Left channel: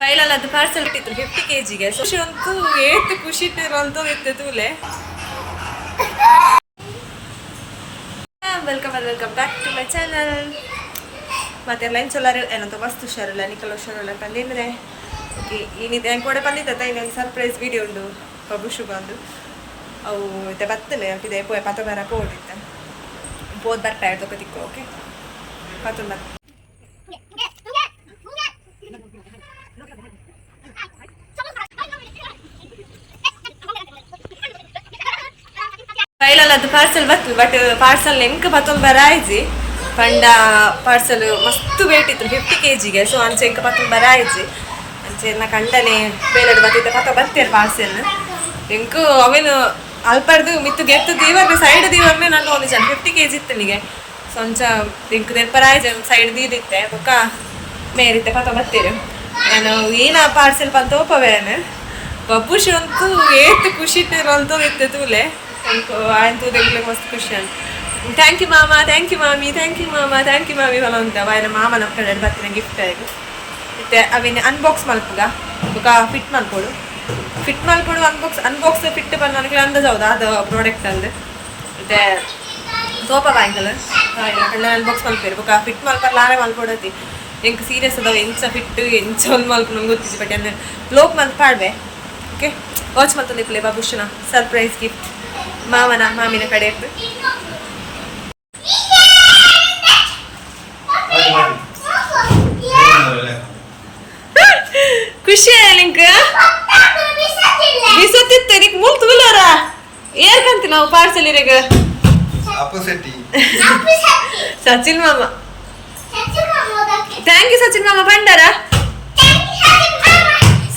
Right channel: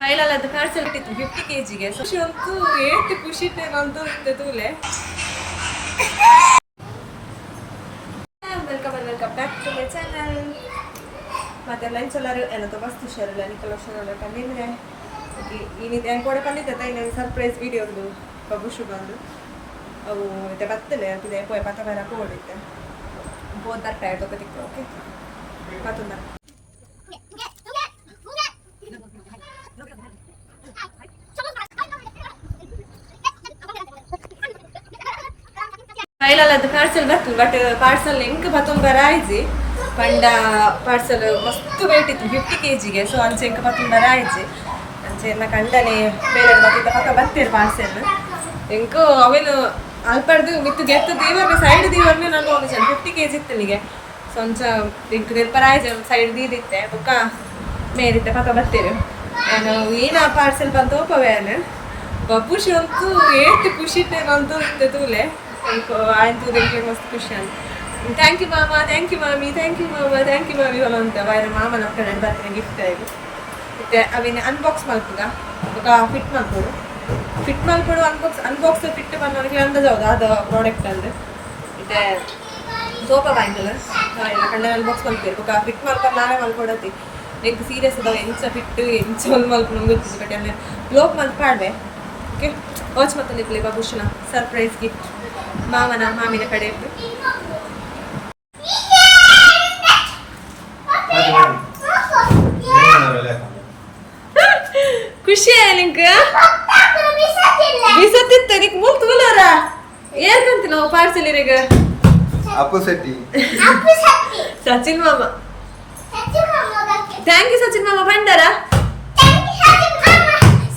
ಫೈಲಲ್ಲಿ ಅದು parcel ಇಟ್ಟಿತ್ತು 50 kg ಖುಷಿ ಅಂತೂ ಏತ್ ಖುಷಿ ಅಂತ ಇತ್ತೆ ತೂಲೆ. Welcome back to my channel. ಮತ್ತೆ ಲೈನ್ ಸೊಲ್ಲಾರು ಏನಂತ ಮಸ್ತ್ ಹುಷಾರಿಲ್ಲ ನಿಕಲ್ ಹುಷಾರಲ್ಲ ಪಂದಿದ್ರೆ ಓಕೆ ಏನಿದೆ ಹೆಂಗೆ ಕೂಡ ಪಂದಿತ್ತ ಇನ್ನೊಂದು ಸರ್ಪ್ರೈಸ್ ವಿಡಿಯೋ ಉಂಡು ಬಬುಶ್ ಬಂದು ಅವು ಇತ್ತೆ ಬತ್ತಲೆ ಇದೆ ಪೋಯ್ ಪತ್ತ ಬರ ಪೋಡಿತ್ತೆ ಬೋದು ಬರ್ತಾ ಇರ್ದು ತಿಕ್ಕೋ ಓಕೆ ಪತ್ತೊಂದು ಬರ್ ಫೈಲಲ್ಲಿ ಅದು ಪಾರ್ಸಲ್ ಬರ್ತದೆ ಬಟ್ ಪಾರ್ಸಲ್ ಎಂಕ್ ಪತ್ತೊಂದು ಬರಾಯ್ಜಿ ಪಂಡ ಪಾರ್ಸಲ್ ಮಸ್ತ್ ವೇಟ್ ಇತ್ತು 50 kg ಸೊ ಅಂಚೆ ಎಂಕ ಪತ್ತೊಂದು ಬರಾಯ್ಜಿ ಅಂಚೆ ಎಲ್ಲ ಕಂಡನೆ ಬೇಲೆಡ್ ಬತ್ತಿದ್ದ ಪತ್ತ ಬತ್ತೇರು ಪಾರ್ಸೆಲ್ ಎಂಕು ಅವೇನು ಅಲ್ಪಡ್ದು ಮಿತ್ತು ಗೆತ್ತು ದೀವರ್ನೆ ಸೈಡ್ ದೀವರ್ನೆ ನಾನು ಒಂದು ಜನ 50 kg ಇತ್ತು ನನಗೆ ಸೊ ಅಂಚ ಎಂಕ್ ನೆರ್ಪರಾಯ್ಜಿ ಸೈಡ್ ದೀದಿತ್ತೆ ಬೊಕ್ಕ ಮೇರಿತ್ತೆ ಪತ್ತ ಬತ್ತೇರು ನಾನು ಏನ ಪಾರ್ಸೆಲ್ ಬಂತ ಓಪವೇನು ಬಬ್ಬುಶ್ ಅಂತೂ ಏತ್ ಖುಷಿ ಅಂತ ಇತ್ತೆ ತೂಲೆ ಆಯ್ತು ತೆಗ್ಲಿಕ್ಕೆ ಮಸ್ತ್ ಖುಷಿ ಅಂತ ಥ್ಯಾಂಕ್ ಯು ಮಾಮ ಥ್ಯಾಂಕ್ ಯು ಮಾಮಿ ಥ್ಯಾಂಕ್ ಯು ಮಾಮ ಥ್ಯಾಂಕ್ ಯು ಮಾಮಿ ಹೊಲ ಅಂತ ಬಾಯ್ನ ಮಾಮ ನಮ್ಮ ಕಡೆ ಬರ್ತೀನಿ ಗಿಫ್ಟ್ ಆಯಿತು ಮತ್ತೆ ಅವೇನು ಅನ್ಬಾಕ್ಸ್ ಮಲ್ಪುಗ ಬೊಕ ಫಿಟ್ ಮಲ್ಪೋಡು ಅನ್ಬಾಕ್ಸ್ ಫಿಟ್ ಬಂದು ನನಗೆ ಅಂದಾಜು ಹೌದು ಅದು ಪ್ರಾಡಕ್ಟ್ ಅಂದು ಮತ್ತೆ ಸೋಪಾ ಬ್ಯಾಂಕಲ್ ಎಲ್ಲ ಕಳ್ಳ ಅನ್ಬಾಕ್ಸ್ ಮಲ್ಪೇರು ಬೊಕ ಫಿಟ್ ಮಲ್ಪರ್ ಲಾರೆ ಮಲ್ಪೋಡತಿ ಎಂಕ್ ಸೀರಿಯಸ್ ಅದಾವ ಎಂಚ ಫಿಟ್ ಎಂಚ ಒಂದು ಮಲ್ಪ ನಂಗೆ ಗೊತ್ತಿತ್ತು ಬಟ್ ಅಂದ್ರೆ ಲೋಕ್ ಮಲ್ಪಾಡ್ವೆ ಓಕೆ ವಾಚ್ ಮತ್ತೊಂದು ಇಪ್ಪಲೆ ಬಾಬುಶ್ನ ಸರ್ಪ್ರೈಸ್ ಗಿಫ್ಟ್ ಮಾವನ ಮಾಮಿನ ಕಡೆ ಇತ್ತು ಖುಷಿ ಲಿಂಕ್ ಬಿಸತ್ತಿತ್ತೆ ನಿಕ್ ಮೂಲ್ ತೂಲೋರ ಏರ್ಕಂತ ನಾವು ಪಾರ್ಸಲ್ ಇರಗ ಸಚಿನ್ ಮಾಮ ಥ್ಯಾಂಕ್ ಯು ಸಚಿನ್ ಮಾಮ ಬಂಡಾರ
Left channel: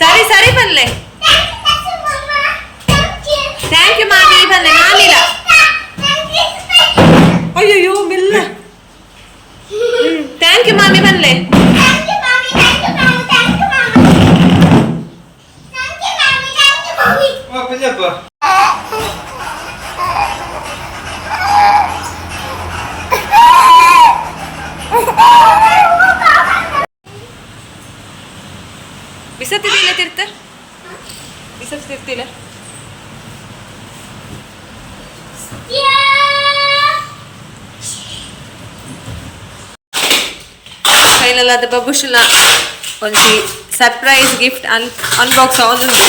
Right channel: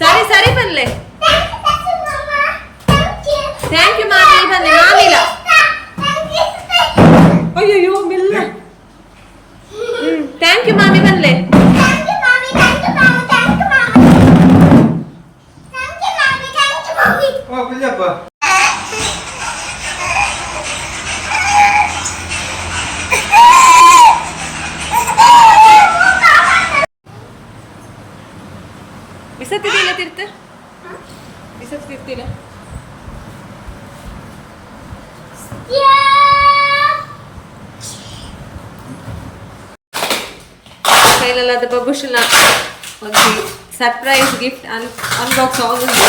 ಸರಿ ಸರಿ ಬನ್ಲೆ ಥ್ಯಾಂಕ್ ಯು ಮಾಮಿ ಬಂದೆ ಮಾಮಿಲ ಅಯ್ಯೋ ಮಿಲ್ಲ ಥ್ಯಾಂಕ್ ಯು ಮಾಮಿ ಬನ್ಲೆ ಬಿಸತ್ತಿಲ್ಲ ತಿರ್ತ ಬಿಸತ್ತಿರ್ತಿಲ್ಲ ಫೈನಲ್ ಅದು ಬಬುಶ್ನ ಒಂದು ಸರ್ಪ್ರೈಸ್ ಗಿಫ್ಟ್ ಅನ್ಬಾಕ್ಸ್ ಆಗುಂಡು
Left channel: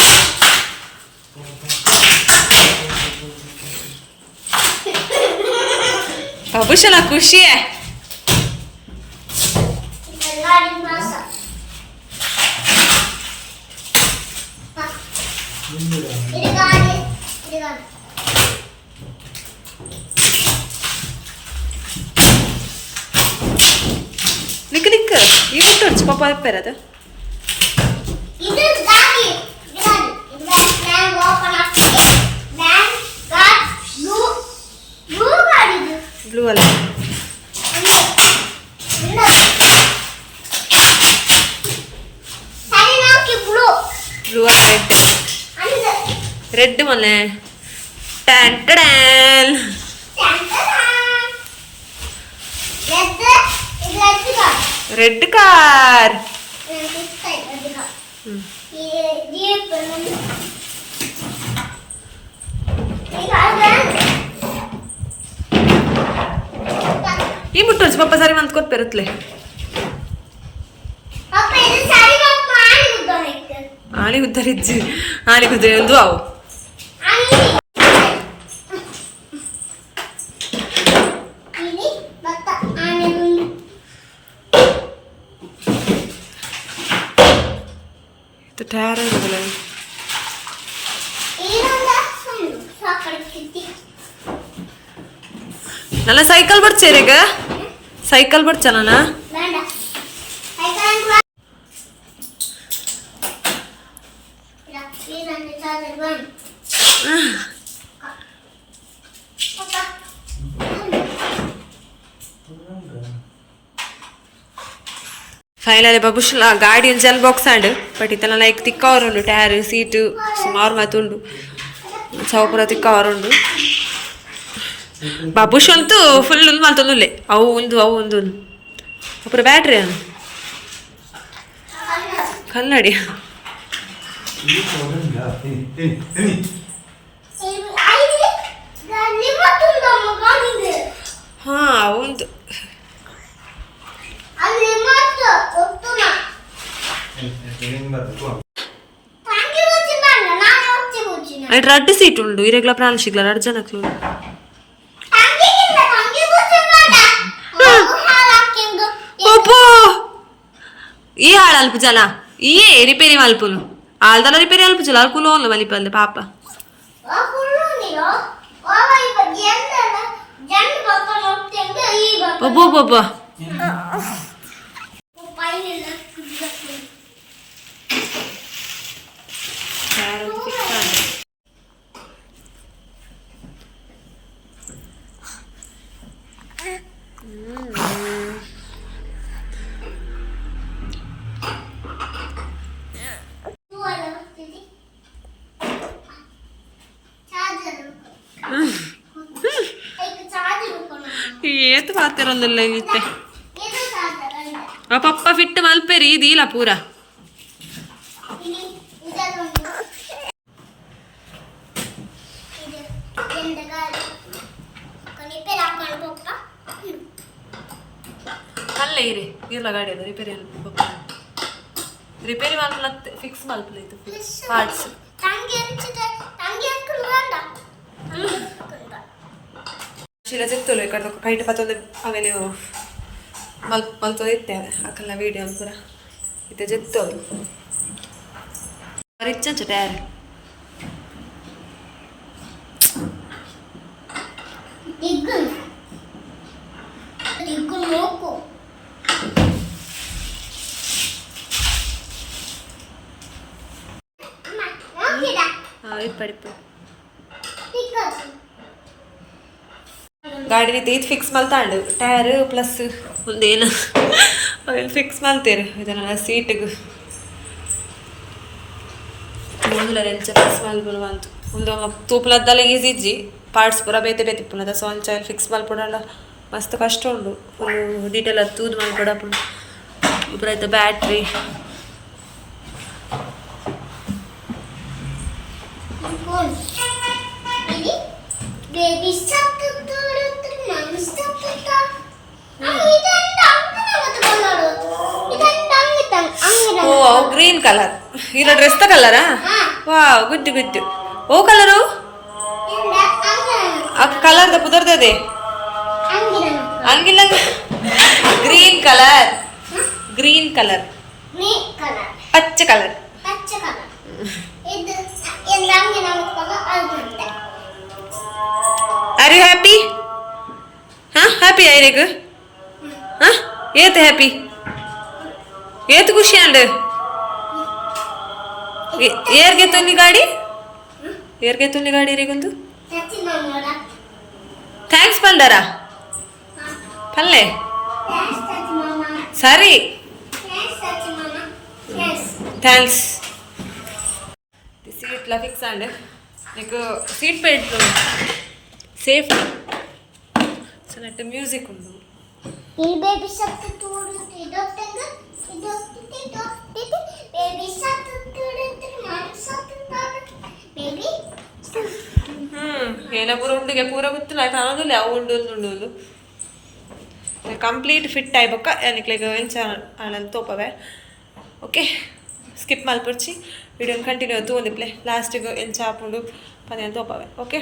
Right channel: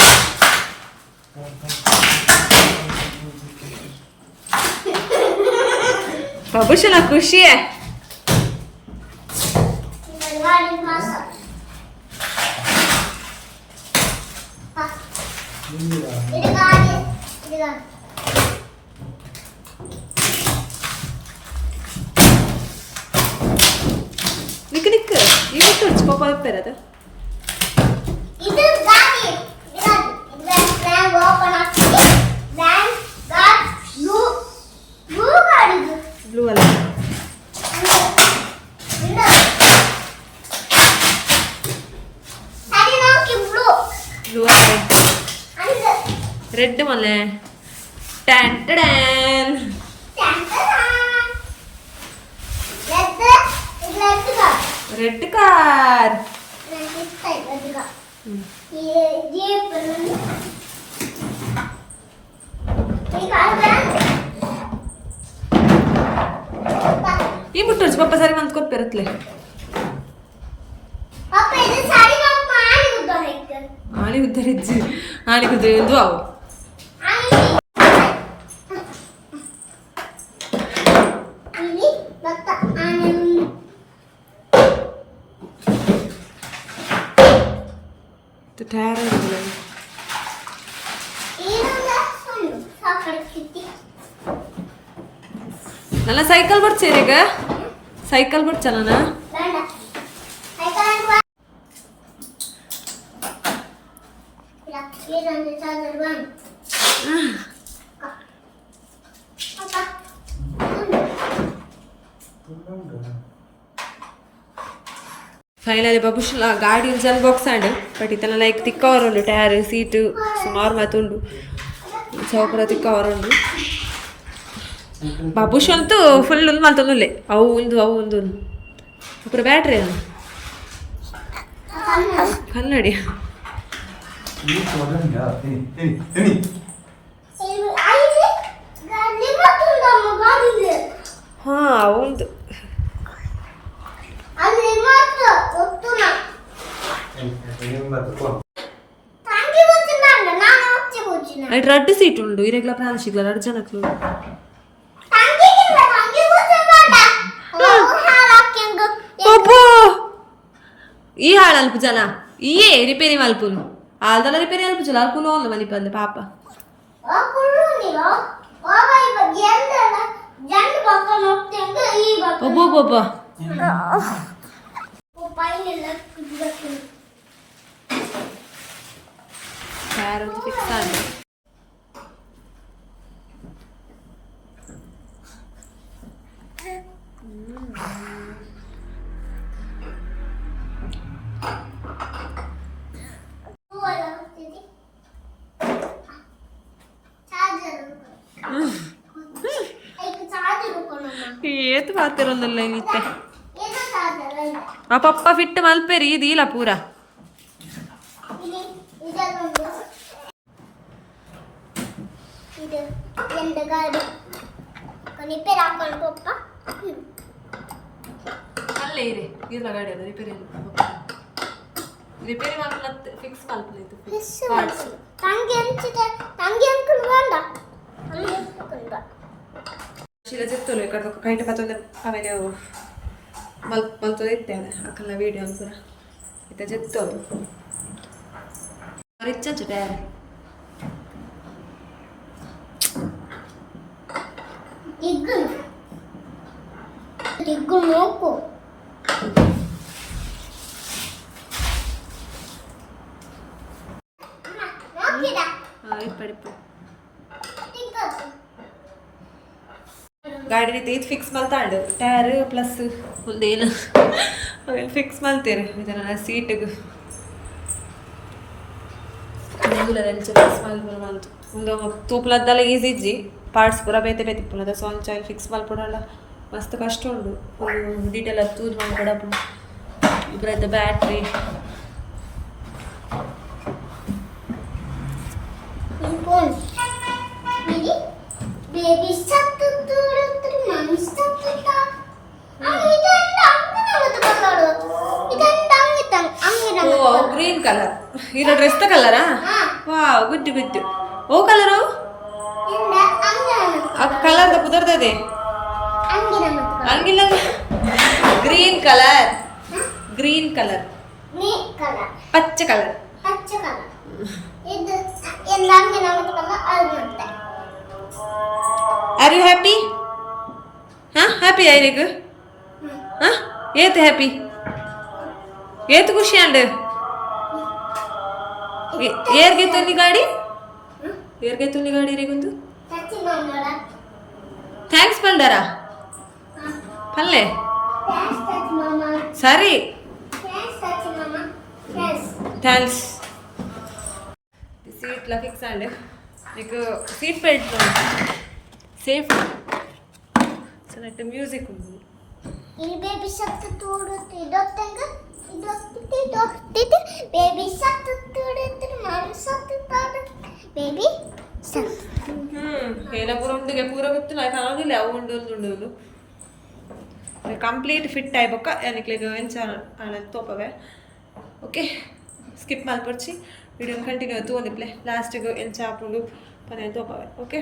ಬಬುಶ್ನ ಖುಷಿಯೇ ನಿಕ್ಕ ನಿಕ್ಕ ಈ ಬಿಟ್ಟು ಹೊಡ್ಚು ಪಾಪ ಇಪ್ಪೇರದು ಬ್ಲೂ ಅಲ್ಲ ಬ್ಲೂ ಅಲ್ಲ ರೆಡ್ ಮೊನ್ನೆ ಟ್ಯಾನ್ ಟ್ಯಾನ್ ರೆಡ್ ಕಾರ್ ಈ ಮುಟ್ಟು ಪಪ್ಪ ಸರಿ ಮಂತ್ ಕೊಟ್ಟು ಬರುತ್ತಲೆ ಆಳಿ ಉದ್ದರಿಜ್ಜಿ ಆಳಿ ಕುದ್ರೆ ಒಂದು ಅವು ಟೈರ್ ಇರೋದಿಲ್ಲ ನನ್ನ ಸೈಕಲ್ ಬರ್ಚೇರಿಗ ಸೈಕಲ್ ಬರ್ಚಲ್ಲ ಫೈನಲಿ ಬಬುಶ್ಲ ಗಾಡಿ ಒಂದು ಜಲ್ ಬಾಕ್ಸ್ ಆಂಡ್ ಬಟ್ ಇತ್ತನ ಲೈಕ್ ತಿಕ್ಕವರುಂಡು ಟೈರ್ ಸೀಟು ಸುಮಾರು ಮಾತುಂಡು ಚೌಪುರ ತಿಕ್ಕವರುಂಡು ಬಾಬುಶ್ ಅಂತೂ ಫುಲ್ ಮಲ್ತೊಂದುಲ್ಲೆ ಅವು ಒಂದು ಅಪುರ ಬ್ಯಾಟ್ರಿ ಅನು ಕನ್ನಡಿ ಹಾ ಒಂದು ರಡ್ಡು ಸೀಟ್ ಉಂಡು ಇರೆಗ್ಲ ಪ್ರಾಣ ಸಿಗ್ಲ 2 ಜನಕ್ಕೆ ಈ ಹಾಳು ಅಲ್ಪ ಜನ ಈ ರಿಪೇರಿ ಮಲ್ಪುನು ಆಲ್ದನ ರಿಪೇರಿ ಅಲ್ಪ ಜನ ಅಲ್ಕು ಲೋನ್ ಮಲಿಪಲ್ಲೆ ಪಾಪ ಒಬ್ಬೊಬ್ಬೊಬ್ಬ ಫಿಕ್ಸ್ ಆಗಿದೆ ಏತು ಮಾತಿರೊಂದಿಲ್ಲ ಇಲ್ಲಿತ್ತೆ ಪಪ್ಪ ಫಿಟ್ ಮಲ್ಪೇರಿ ಇದೀಲ ಪೂರ ಅಲ್ಲೇ ಇರಿ ಇಲ್ಲ ಗಾಡಿ ಅಲ್ಲ ರಿಪೇರಿ ರಿಪೇರಿ ಮಲ್ಪಲ ಫಿಕ್ಸ್ ಮಲ್ಪಲ ಇದು ಪಾರ್ಟ್ಸ್ ಶಿಲ ಸಿಕ್ತಲು ಈ ಕಡೆ ಕೈಟ್ ಪತ್ತೊಂದು ಆಮೇಲೆ ಮಲ್ತೊಂದು ಇತ್ತೇವೆ ಹಾಕಲ್ಲ ವೀಡಿಯೋ ಪೂರ ಇತ್ತೆ ಜೆತ್ತೋದು ರಿಚ್ ಅಂಚು ಟೈರ್ ಇಪ್ಪಡಿಪ್ಪು ಗಾಡಿ ರೀತಿ ಇದು ಫಿಕ್ಸ್ ಮಲ್ತಾಂಡು ಟೈರ್ ಪ್ಲಸ್ ಒಂದೇನು ಅವೆಲ್ಲ ಫಿಕ್ಸ್ ಮಲ್ತೇರು ಇದನ್ನೆಲ್ಲ ಸೀಟಿಗೆ ಮುಂದುಲ ಎಂಚ ಫಿಕ್ಸ್ ಮಲ್ಪುನ ಬಂತು ಒಂದು ತೂಪಲದ್ದಲ್ಲ ಈಸಿ ಇಜ್ಜಿ ಪಾರ್ಟ್ಸ್ ಪೂರ ಬೇತೆ ಬೇತೆ ಇಪ್ಪುನದ ಸೊಂಚ ಫಿಕ್ಸ್ ಮಲ್ಪುನಲ್ಲ ಮಸ್ತ್ ಕಷ್ಟ ಉಂಡು ಫುಲ್ಲು ಡೀಟೇಲ್ ಅದು ತೂದು ಮಲ್ಕೊಡಪ್ಪು ಇಬ್ಬರಾಯ್ತು ಬ್ಯಾಟ್ರಿ ಓ ಗ್ರೀನ್ ಕಲರ್ ಇಲ್ಲ ಡ್ರೆಸ್ ದ ಕಲರಾ ವಾವ್ ಗುಡ್ ಗುಡ್ ಓ ಕಲರು ಆ ಕಲರ್ ಪುದರ್ದದೆ ಹಂಗಿಲ್ಲ ಗ್ರೀನ್ ಕಲರ್ ಗ್ರೀನ್ ಕಲರ್ ಪಚ್ಚ ಕಲರ್ ಆರ್ ಯು ಹ್ಯಾಪಿ ಹಾಂ ಹ್ಯಾಪಿ ಐರೆಗ್ ಹಾಂ ಏತ್ ಹ್ಯಾಪಿ ಏತ್ ಖುಷಿ ಅಂಡ್ ಏರ್ಗೆ ತೊನ್ನಿ ಗಾಡಿ ಏರ್ಗೆ ತೊನ್ನಿ ಗಾಡಿ ರೀಗೊಂದು ಥ್ಯಾಂಕ್ಸ್ ಪಲ್ಡರಾ ಪಲ್ಲೆ ಸರಿ ಥ್ಯಾಂಕ್ಸ್ సీట్ల ఫిక్స్ అండి నీకు సీట్ బెల్ట్ సేఫ్టీ సన్నట్టు మ్యూజిక్ ఉంది ఈ బేబీ షర్ట్ తోడు ఇదొట్టంగ ఇదొట్టి బేబీ షర్ట్ తోడు మామ్ షర్ట్ తోడు బేబీ ಏನ ಪೂರ ಉಂಡಿಗೆ ಪೂರ ಗೊತ್ತಿಲ್ಲ ಆಯ್ತು ಅನ್ನೋದಿಲ್ಲ ಅವು ಉಂಡು ಕಂಪ್ಲೀಟ್ ಫಿಟ್ ಆಯ್ಬೇಕ ಏನಕ್ಕೆ ಎಂಚ ಆನಂದ್ ತೋಪವೆ ಓಕೆ ಸ್ಕಿಪ್ ಮಲ್ಪರ್ಚಿ ವಿಡಿಯೋನ ಕಂಟಿನ್ಯೂ ಆಯ್ತು ಒಂದಿಪ್ಲೆ ಲಾಸ್ಟಿಗೆ ಎಂಚ ಹಾಕೊಂಡು ಪದೇ ತೋಪವೆ ಓಕೆ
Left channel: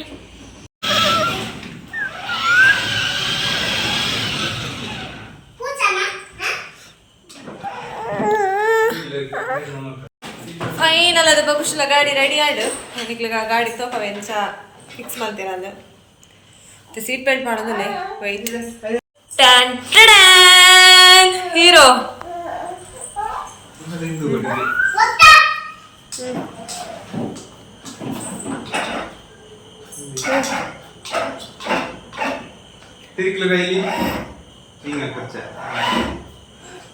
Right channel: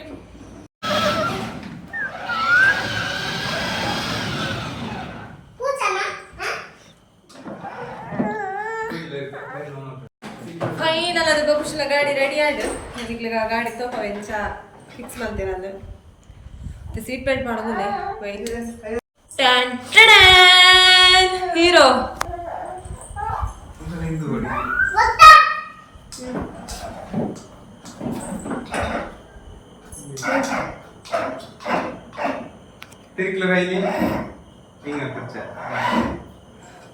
ಫೈನಲ್ ಅದು ಬಬುಶ್ಲ ಗಾಡಿ ರೆಡಿ ಆಯ್ಡು ನನಗೆ ಗಾಡಿ ತೋಪವೆ ಎಂಚ ಫಿಕ್ಸ್ ಮಾಡ್ತೀರ ಅದು ಮತ್ತೆ ಸೀಟ್ ಬೆಲ್ಟ್ ಮಾಡೋದಲ್ಲೇ ವೈಟ್ ಟ್ಯಾನ್ ಟ್ಯಾನ್ ಹೀರೋ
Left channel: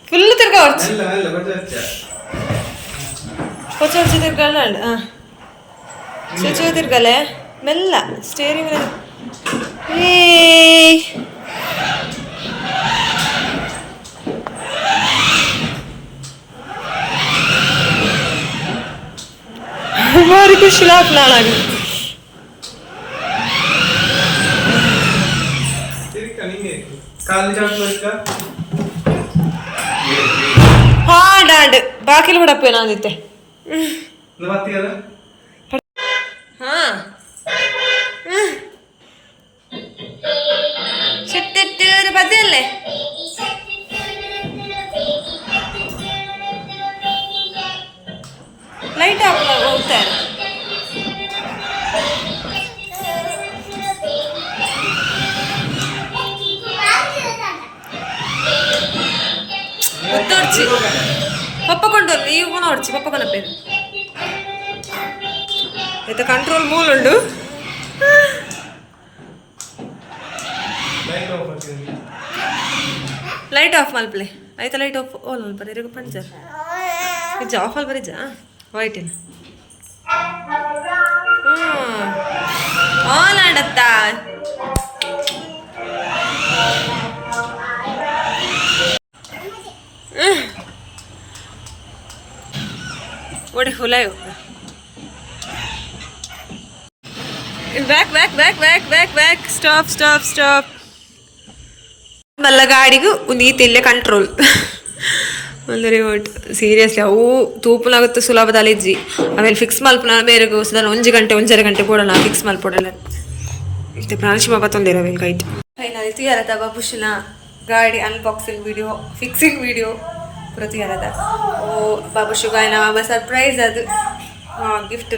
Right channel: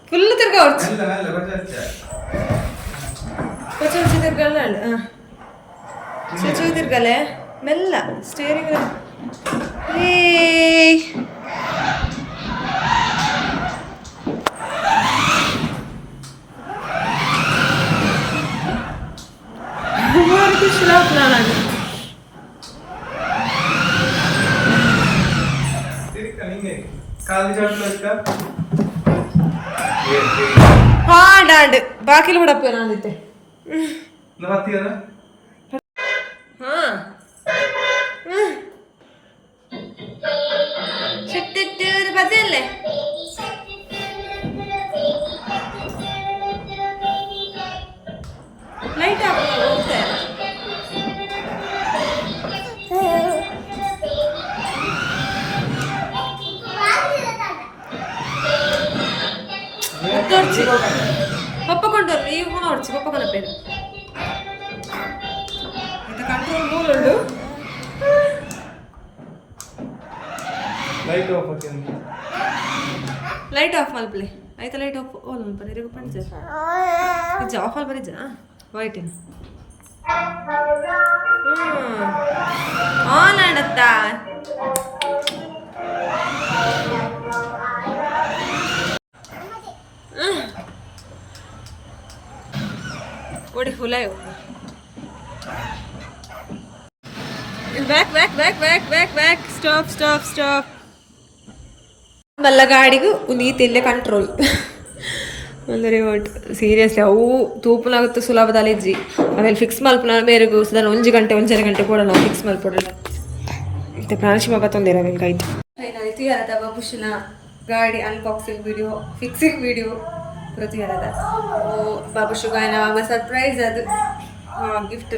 ಫುಲ್ ತಿರ್ಗ ಹೊಡ್ಚು ಕೊಚ್ಚ ತಿರ್ಗಲ್ಲ ಚುಚ್ಚು ತಿರ್ಗಲೆ ಮೆಲ್ಲ ಸ್ಟೇರಿಂಗ್ ಭಾರಿ ಖುಷಿ ಲಾಪ್ ನಾಳಾಗ ಹಾಡಾಂಡ್ ಬಾಕಿಲು ಬಿಡಪ್ಪೆ ನಾನಿದ್ದೆ ಹಾ ಚಿಟ್ಟಿಟ್ಟು ಬದಿಯಲ್ಲೇ ಲೈಟ್ ಆಫ್ ಹೋಗ್ತಾ ಇರೋ ಒತ್ತೋಡ್ಚಿ ಪಪ್ಪ ಕೊಂಡೋರ್ಲಿ ಈಗ ನೋಡ್ಚಿ ಪಪ್ಪ ಕೊನಪ್ಪೇರು ಆಯ್ತಾ ಕಂಟ್ರೋಲ್ ಮೂಲ್ ಉಂಡು ಲೈಟ್ ಆಫ್ ಮಲ್ಪ್ಲೆ ಆಯ್ತಾ ಲೈಟ್ ಆಫ್ ಓಲ್ ಮಲ್ಪರೆ ಇರಗು ಪಂಚರ್ ನಿಜ ಆಫ್ ಅಲ್ಲಿ ಬರಿಜ ವೈಟಿನ ಆನ್ ಆಡತ್ತಾ ಒಡಿ ಹುಲಾಯು back back back back back back stop stop stop ಮಲ್ಲ ಗಾಡಿಗೂ ಒಂದು ಈತಿಲ್ಲೇ ಕಂಟ್ರೋಲ್ ಒಂದು ರಿಮೋಟ್ ಸೀರಿಯಸ್ಲಿ ಅವು ತೂಪುನಾಗುತ್ತೆ ಸುಲಭದಲ್ಲಿ ಇಜ್ಜಿ ಆಮೇಲೆ ಫಿಕ್ಸ್ ಮಲ್ಪನ ಬೇರೆಗೂ ಸದನ 1 ಗಂಟೆ 1.5 ಗಂಟೆ ಕೊಡೋಣ ಫಿಕ್ಸ್ ಮಲ್ಪೊಡಲ್ಲ ಮತ್ತೆ ಪ್ರಾಣಿಶಿಮ ಬತ್ತೊಂದಿರವೇನು ಕೈಟ್ ಫೈನಲಿ ತುಯಾರದ ಬಾಬುಶಿನ ಗಾಡಿ ಅನ್ಬಾಕ್ಸಿಂಗ್ ವಿಡಿಯೋ ಫಿಕ್ಸಿಂಗ್ ವಿಡಿಯೋ ಪೂರ ತುಯಾರದ ಓ ಬಾಬುಶುಗಾಯನ ಮಾಮ ಸರ್ಪ್ರೈಸ್ ಅದು ಗಿಫ್ಟ್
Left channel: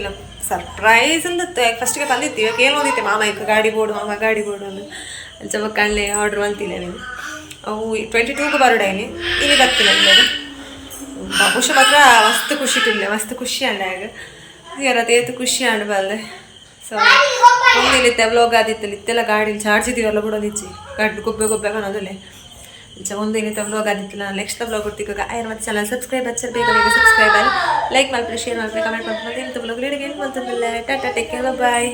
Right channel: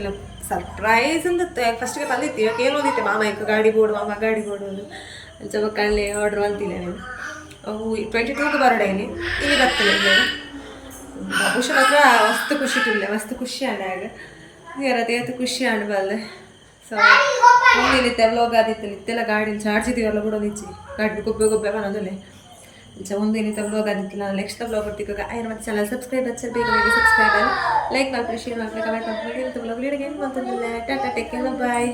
ಸರ್ಪ್ರೈಸ್ ಅಂತ ಫಸ್ಟ್ಗೆ ಬಂದಿತ್ತು ಕೇಳಿ ಹೋದಿತ್ತೆ ಮಾಮ ಈಗ ಗಾಡಿ ಬೋರ್ಡು ಮಾಮ ಗಾಡಿ ಬೋರ್ಡು ಅಂದು ಅಲ್ಲಿ ಸ್ವಲ್ಪ ಕಳ್ಳೆ ಆರ್ಡ್ರ್ ಮಾಡ್ತಿಲ್ಲ ನೀವು ಅವು 22ಗೆ ಬರೋಡೈಲಿ ಇಲ್ಲಿ ಬರ್ತಿಲ್ಲ ಇಲ್ಲೇನು ಬಾಬುಶ ಮಾತ್ರ ಮಸ್ತ್ ಖುಷಿ ಟುಲ್ಲೆ ಮಸ್ತ್ ಖುಷಿ ಅಂಡ ಈಗ ಯಾರತ್ತೇತು ಖುಷಿ ಅಂಡ್ ಬಲ್ಲೆ ಸೊ ಒಂದಿಲ್ಲಿತ್ತೆ ವ್ಲಾಗ್ ಆದಿತ್ತಲ್ಲ ಇತ್ತೆಲ್ಲ ಗಾಡೀಲಿ ಚಾರ್ಜ್ ಇದೀವಲ್ಲ ಬಿಡೋದಿಚ್ಚಿ ಗಾಡಿ ಗೊಬ್ಬೆ ಅನ್ನೋದಲ್ಲೇ ಒಂದಿನಿತ ವ್ಲಾಗ್ ಆದಿತ್ತಲ್ಲ ನಾನು ನೆಕ್ಸ್ಟ್ ವ್ಲಾಗ್ ಕೊಡ್ತೀವಿ ಆಯ್ತು ಮತ್ತೆ ಚಾನಲ್ ಸಬ್ಸ್ಕ್ರೈಬ್ ಹಚ್ಚರ್ ಬೇಗ ಸಬ್ಸ್ಕ್ರೈಬ್ ಅಲ್ಲಿ ಲೈಕ್ ಮಾಡ್ಬಿಡಿ ಶೇರ್ ಮಾಡ್ಬಿಡಿ ಕಮೆಂಟ್ ಮಾಡ್ಬಿಡಿ ಇಂಥ ವ್ಲಾಗ್ ಏನು ಬಂತಂದಲ್ಲ ಟಾಟಾ ಟೇಕ್ ಕೇರ್ ಬಾಯ್